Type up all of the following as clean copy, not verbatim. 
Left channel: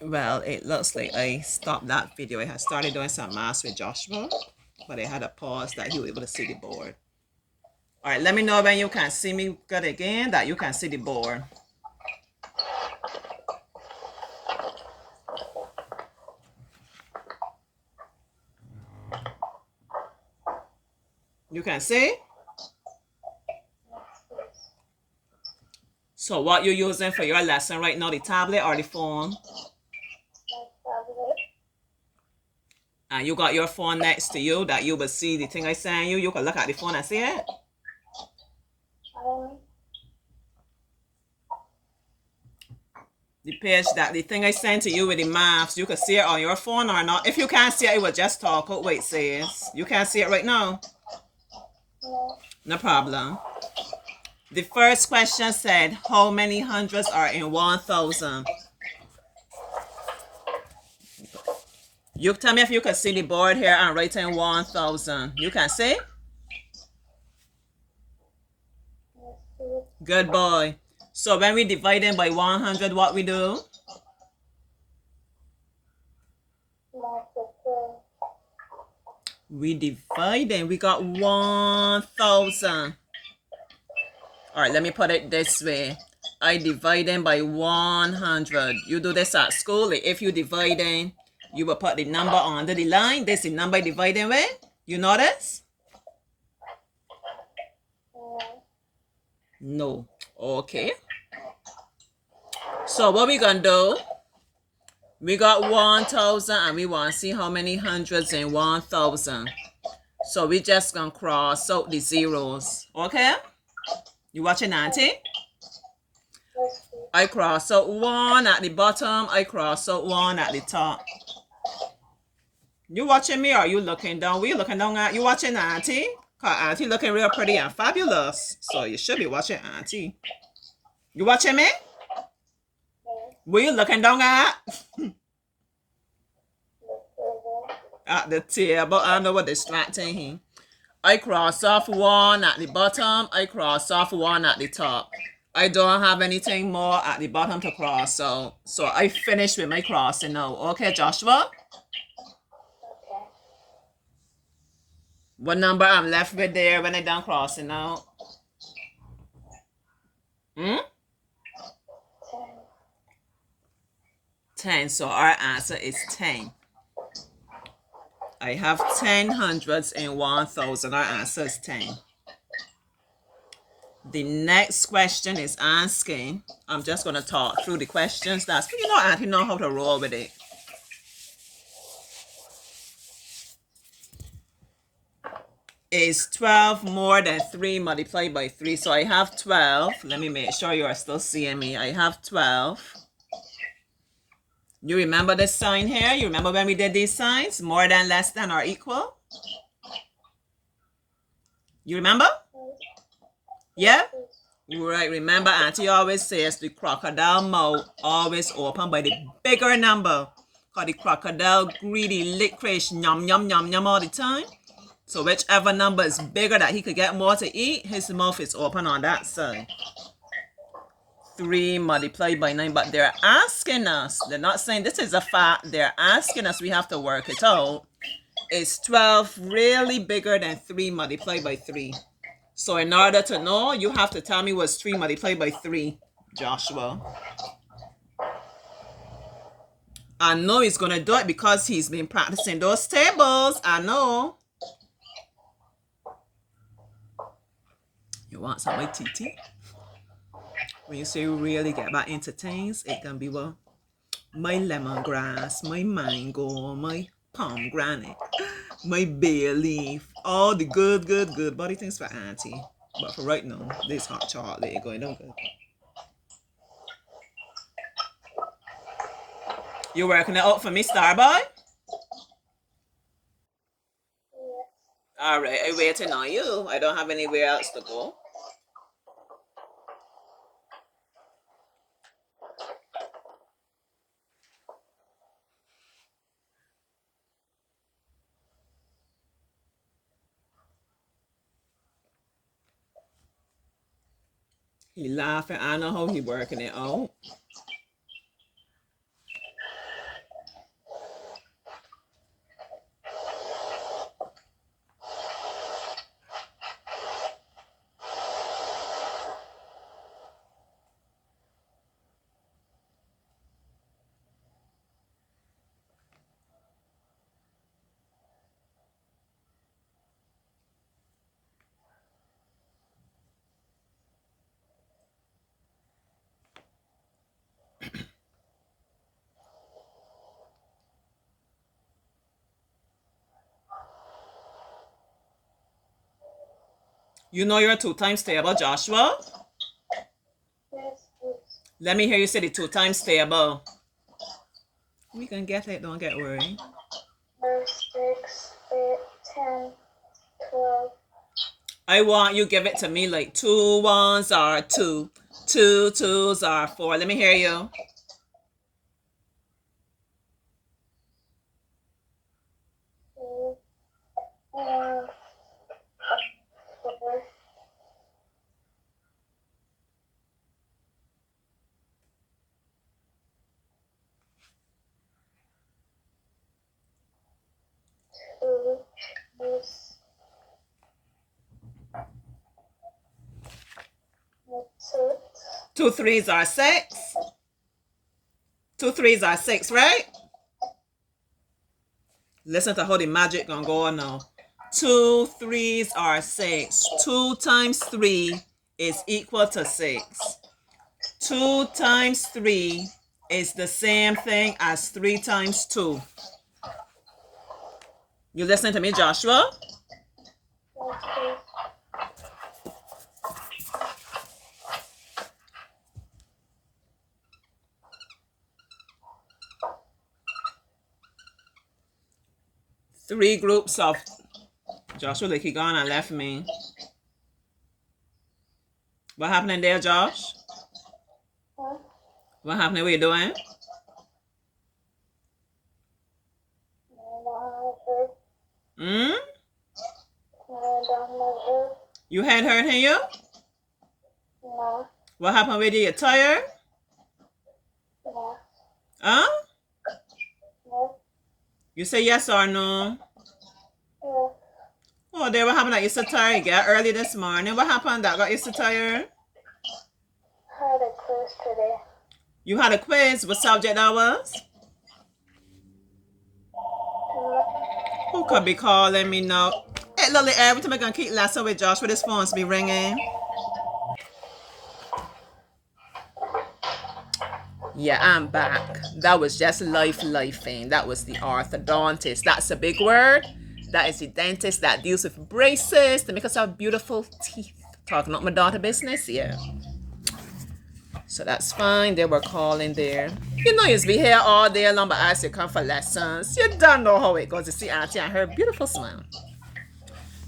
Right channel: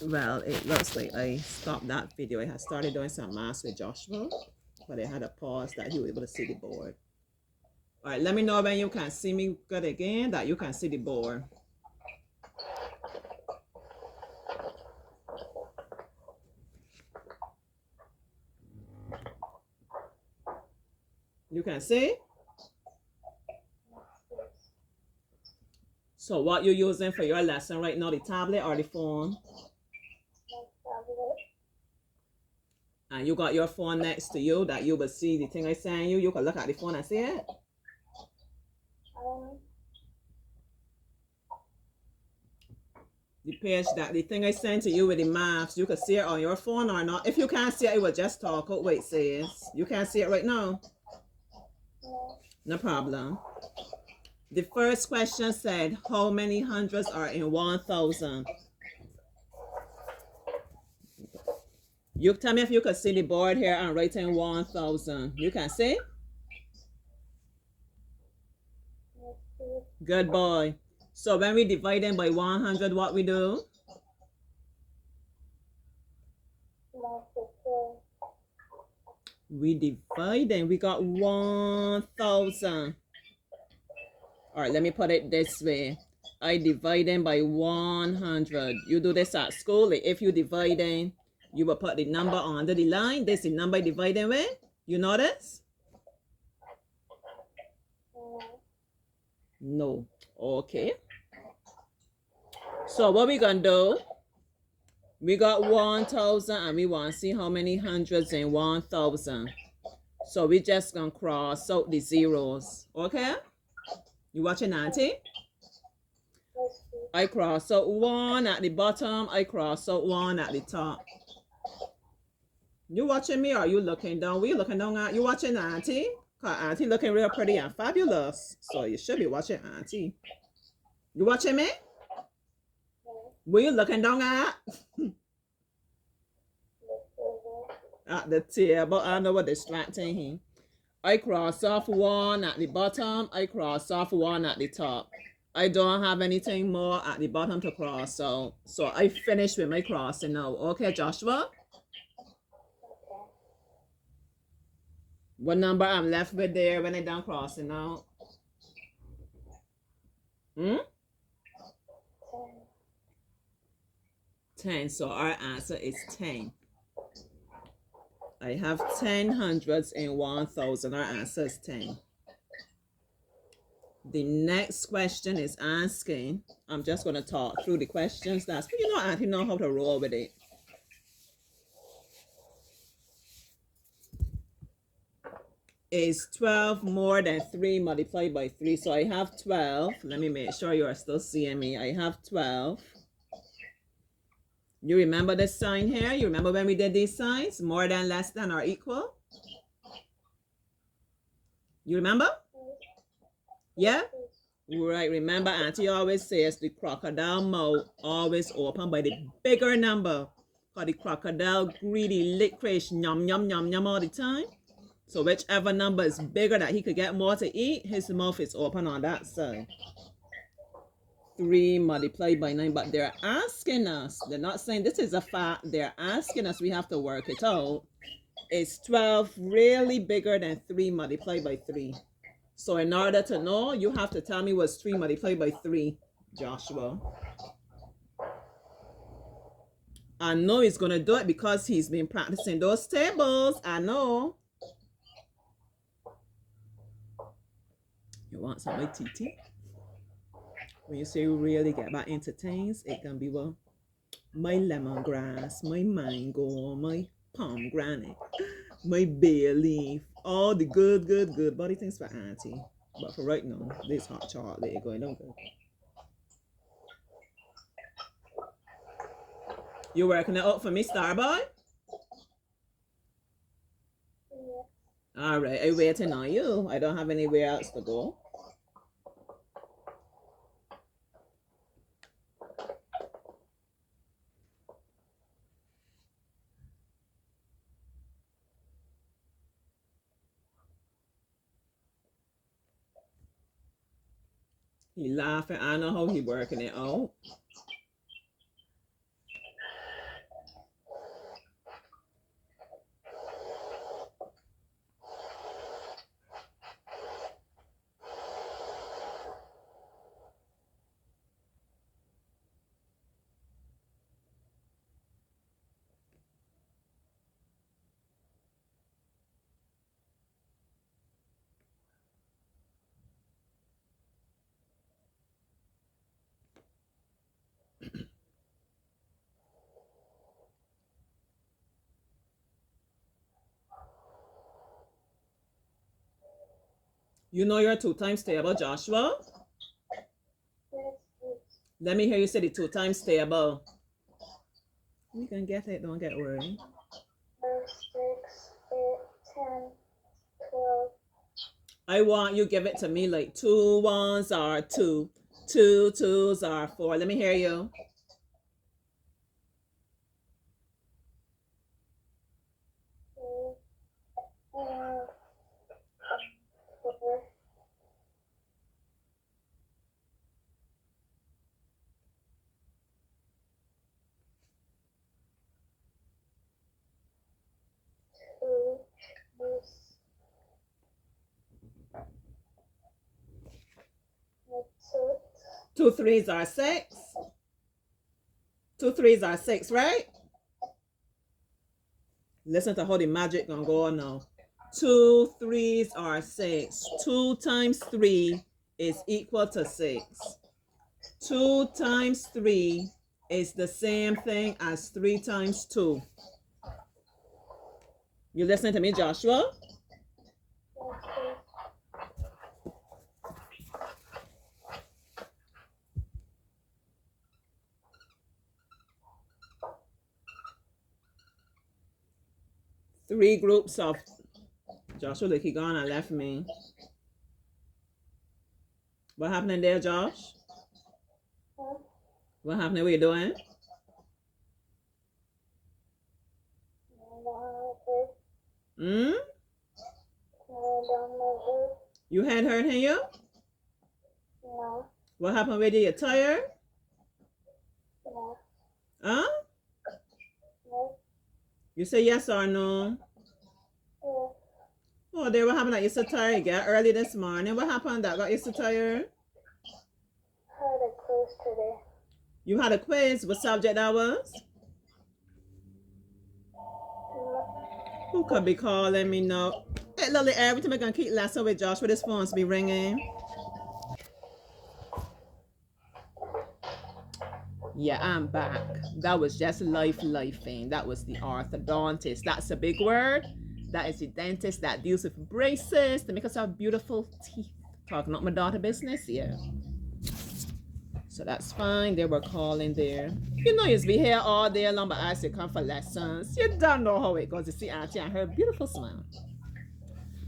Well, it looks like I stopped that video. I had started doing some math with Joshua, but I had a pause that he was able to see the board. All right, let me know when you can see me good again, that you can see the board. You can see? So what you're using for your lesson right now, the tablet or the phone? And you got your phone next to you that you will see the thing I sent you. You can look at the phone and see it. The page that the thing I sent to you with the maps, you can see it on your phone or not. If you can't see it, it will just talk out what it says. You can't see it right now? No problem. The first question said, how many hundreds are in 1,000? You tell me if you can see the board here and write in 1,000. You can see? Good boy. So when we divide them by 100, what we do? We divide them. We got 1,000. All right, let me put it this way. I divide them by 100. You do this at school. If you divide them, you will put the number under the line. This is the number dividing with. You notice? No. Okay. So what we gonna do? We got 1,000 and we want to see how many hundreds in 1,000. So we just gonna cross out the zeros. Okay? You watching, Auntie? I cross out 1 at the bottom. I cross out 1 at the top. You watching me or you looking down? Where you looking down at? You watching Auntie? Cause Auntie looking real pretty and fabulous. So you should be watching Auntie. You watching me? Where you looking down at? At the table. I know what distracting him. I cross off 1 at the bottom. I cross off 1 at the top. I don't have anything more at the bottom to cross. So I finished with my crossing now. Okay, Joshua? What number I'm left with there when I done crossing now? 10. So our answer is 10. I have 10 hundreds in 1,000. Our answer is 10. The next question is asking, I'm just going to talk through the questions. That's, Auntie know how to roll with it. Is 12 more than 3 multiplied by 3? So I have 12. Let me make sure you are still seeing me. I have 12. You remember this sign here? You remember when we did these signs? More than, less than, or equal? You remember? Yeah? Right. Remember, Auntie always says the crocodile mouth always open by the bigger number. Because the crocodile greedy, licorice, yum, yum, yum, yum all the time. So whichever number is bigger that he could get more to eat, his mouth is open on that side. 3 multiplied by 9, but they're asking us, they're not saying this is a fact, they're asking us, we have to work it out. Is 12 really bigger than 3 multiplied by 3? So in order to know, you have to tell me what's 3 multiplied by 3, Joshua. I know he's going to do it because he's been practicing those tables. I know. You want some of my TT? When you say really get back into things, it can be what? My lemongrass, my mango, my pomegranate, my bay leaf, all the good body things for Auntie. But for right now, this hot chocolate is going on good. You working it out for me, Starboy? All right, I'm waiting on you. I don't have anywhere else to go. He laughing. I know how he working it out. You know your 2 times table, Joshua? Yes, please. Let me hear you say the 2 times table. We can get it, don't get worried. 5, 6, 8, 10, 12. I want you give it to me like 2 ones are 2, 2 twos are 4. Let me hear you. 2, 1, 4. 2, 6. 2 threes are 6. 2 threes are 6, right? Listen to how the magic gonna go on now. 2 threes are 6. 2 times 3 is equal to 6. 2 times 3 is the same thing as 3 times 2. You listen to me, Joshua? Yes, please. 3 groups of Joshua, like he gone and left me. What happening there, Josh? Huh? What happening? What you doing? Hmm? You had hurt you? No. What happened with you? You tired? No. Huh? No. You say yes or no? Yeah. Oh, there, what happened that you so tired? You got early this morning. What happened that got you so tired? Had a quiz today. You had a quiz. What subject that was? Who could be calling me now? Hey, Lily, every time I gonna keep laughing with Josh with his phones be ringing. Yeah, I'm back. That was just lifing. That was the orthodontist. That's a big word. That is the dentist that deals with braces to make us have beautiful teeth. Talking about my daughter business, yeah. So that's fine. They were calling there. You know, you'll be here all day long, but as you come for lessons, you don't know how it goes. You see Auntie and her beautiful smile.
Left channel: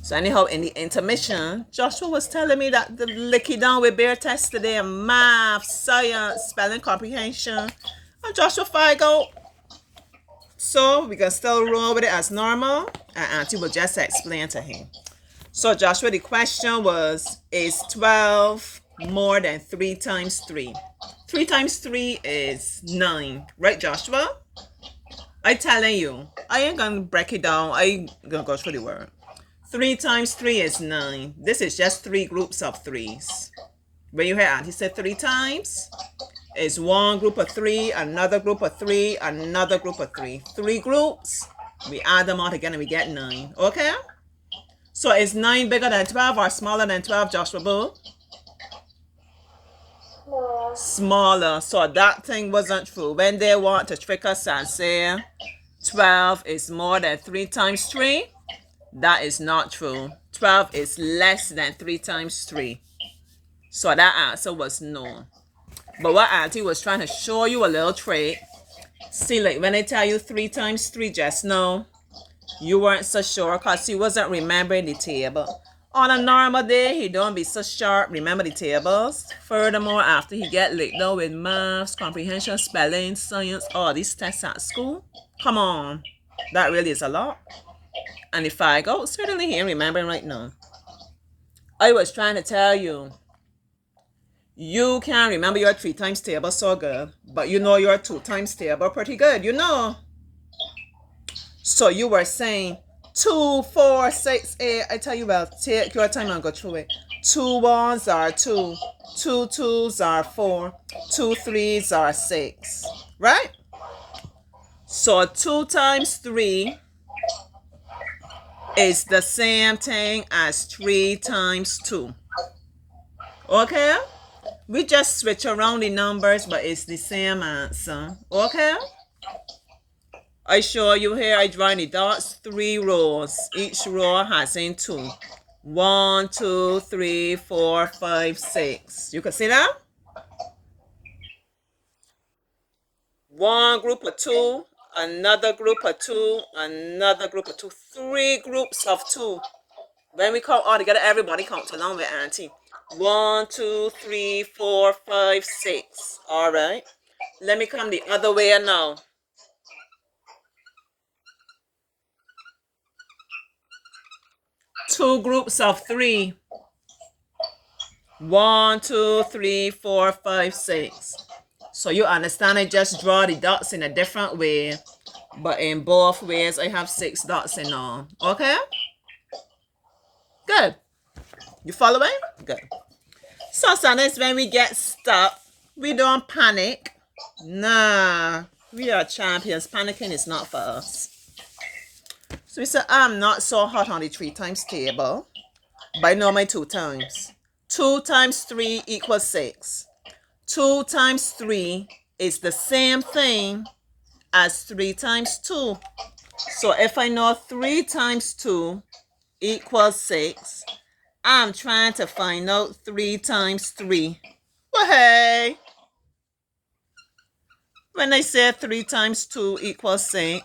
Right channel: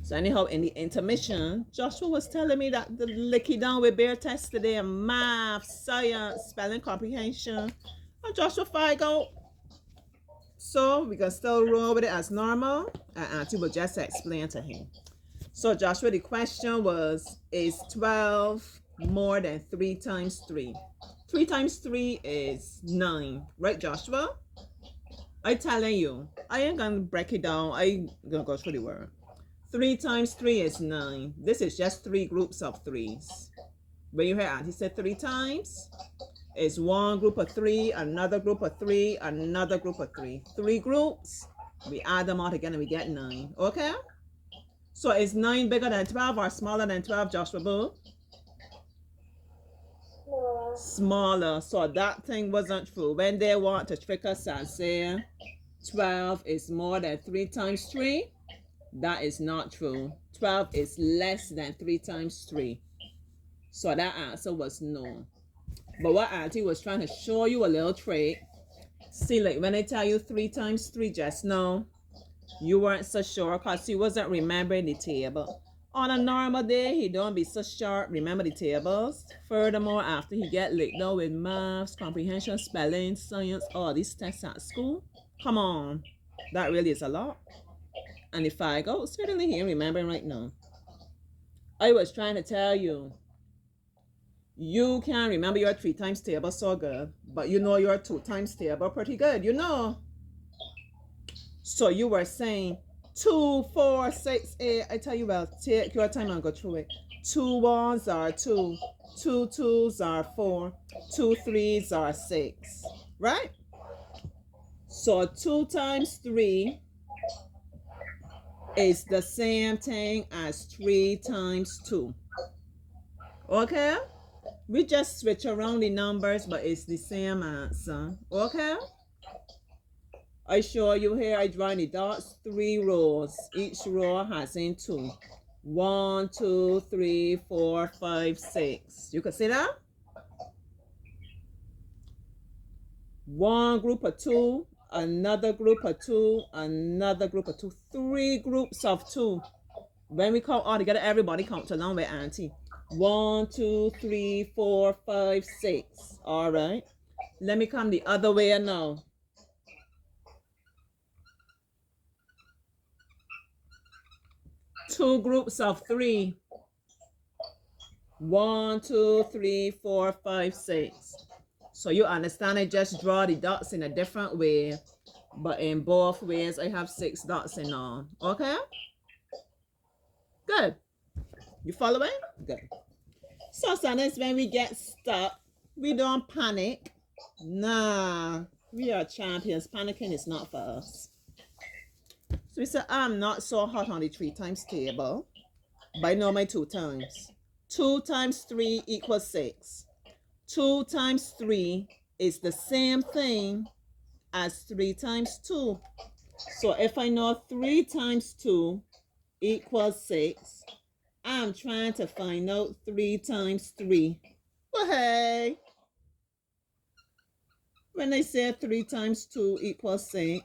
So anyhow, in the intermission, Joshua was telling me that the licky down with bear test today, math, science, spelling comprehension. And Joshua Figo. So we can still roll with it as normal. And Auntie will just explain to him. So Joshua, the question was, is 12 more than 3 times 3? 3 times 3 is 9. Right, Joshua? I telling you. I ain't gonna break it down. I gonna go through the word. 3 times 3 is 9. This is just 3 groups of 3s. When you hear Auntie said 3 times, it's one group of 3, another group of 3, another group of 3. 3 groups. We add them all together and we get 9. Okay? So is 9 bigger than 12 or smaller than 12, Joshua Boo? Smaller. Smaller. So that thing wasn't true. When they want to trick us and say 12 is more than 3 times 3, that is not true. 12 is less than 3 times 3. So that answer was no. But what Auntie was trying to show you a little trick. See, like when I tell you 3 times 3 just now, you weren't so sure because he wasn't remembering the table. On a normal day, he don't be so sharp, remember the tables. Furthermore, after he get licked down with maths, comprehension, spelling, science, all these tests at school, come on, that really is a lot. And if I go, certainly he ain't remembering right now. I was trying to tell you, you can remember your 3 times table so good, but you know your 2 times table pretty good, you know. So you were saying 2, 4, 6, 8. I tell you, well, take your time and go through it. 2 ones are 2, 2 twos are 4, 2 threes are 6, right? So 2 times 3 is the same thing as 3 times 2. Okay? We just switch around the numbers, but it's the same answer. Okay? I show you here, I draw the dots, 3 rows. Each row has in 2. 1, 2, 3, 4, 5, 6. You can see that? One group of 2, another group of 2, another group of 2, 3 groups of 2. When we count all together, everybody count along with Auntie. 1, 2, 3, 4, 5, 6. All right. Let me come the other way now. 2 groups of 3. 1, 2, 3, 4, 5, 6. So you understand, I just draw the dots in a different way, but in both ways I have 6 dots in all. Okay? Good. You following? Good. So sometimes when we get stuck, we don't panic. Nah, we are champions. Panicking is not for us. So we say, I'm not so hot on the 3 times table, but I know my 2 times. 2 times 3 equals 6. 2 times 3 is the same thing as 3 times 2. So if I know 3 times 2 equals 6, I'm trying to find out 3 times 3. Well, hey, when I said 3 times 2 equals 6,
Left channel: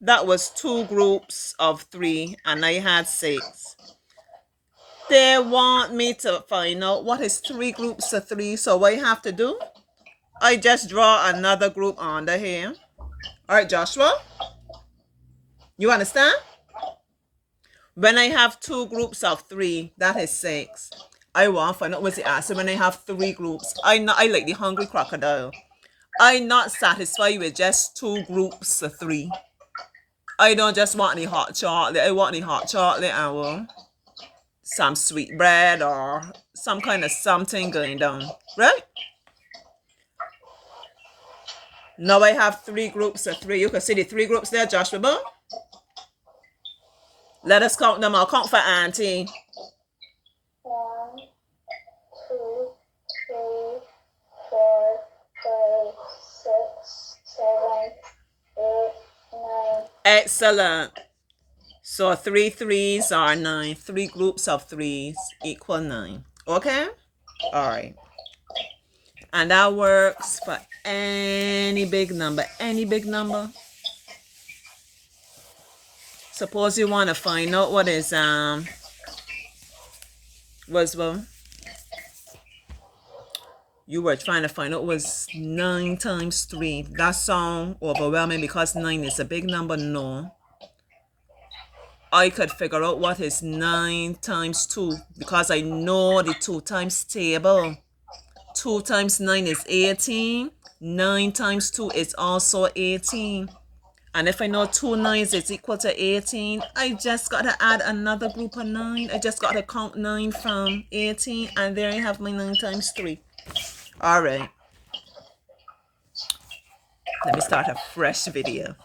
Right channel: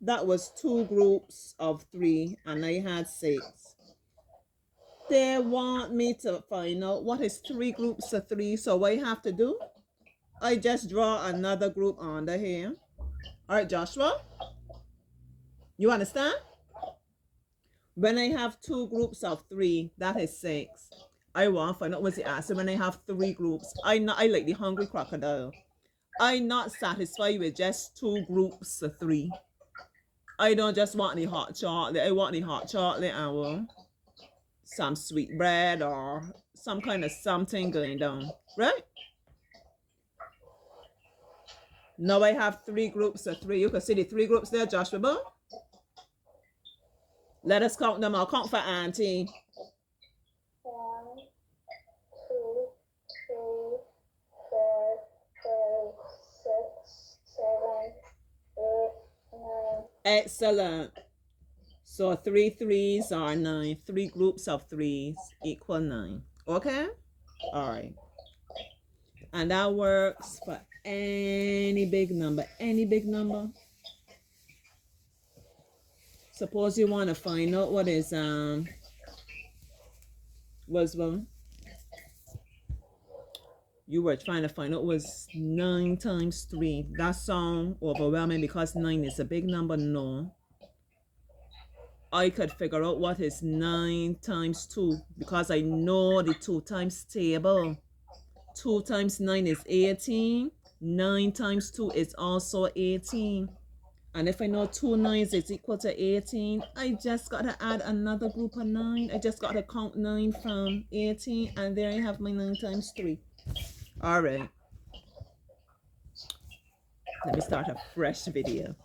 that was 2 groups of 3 and I had 6. They want me to find out what is 3 groups of 3. So what I have to do, I just draw another group under here. All right, Joshua, you understand? When I have 2 groups of 3, that is 6. I want to find out what's the answer when I have 3 groups. I like the hungry crocodile. I'm not satisfied with just 2 groups of 3. I don't just want the hot chocolate. I want the hot chocolate and some sweet bread or some kind of something going down. Right? Now I have 3 groups of 3. You can see the 3 groups there, Joshua. Let us count them. I'll count for Auntie. 1, 2, 3, 4, 5, 6, 7, 8, 9. Excellent. So 3 3s are 9. 3 groups of 3s equal 9. Okay? All right. And that works for any big number. Any big number. Suppose you want to find out what is you were trying to find out was 9 times 3. That sound overwhelming because 9 is a big number. No. I could figure out what is 9 times 2 because I know the 2 times table. 2 times 9 is 18. 9 times 2 is also 18. And if I know 2 9s is equal to 18, I just got to add another group of 9. I just got to count 9 from 18. And there I have my 9 times 3. All right. Let me start a fresh video.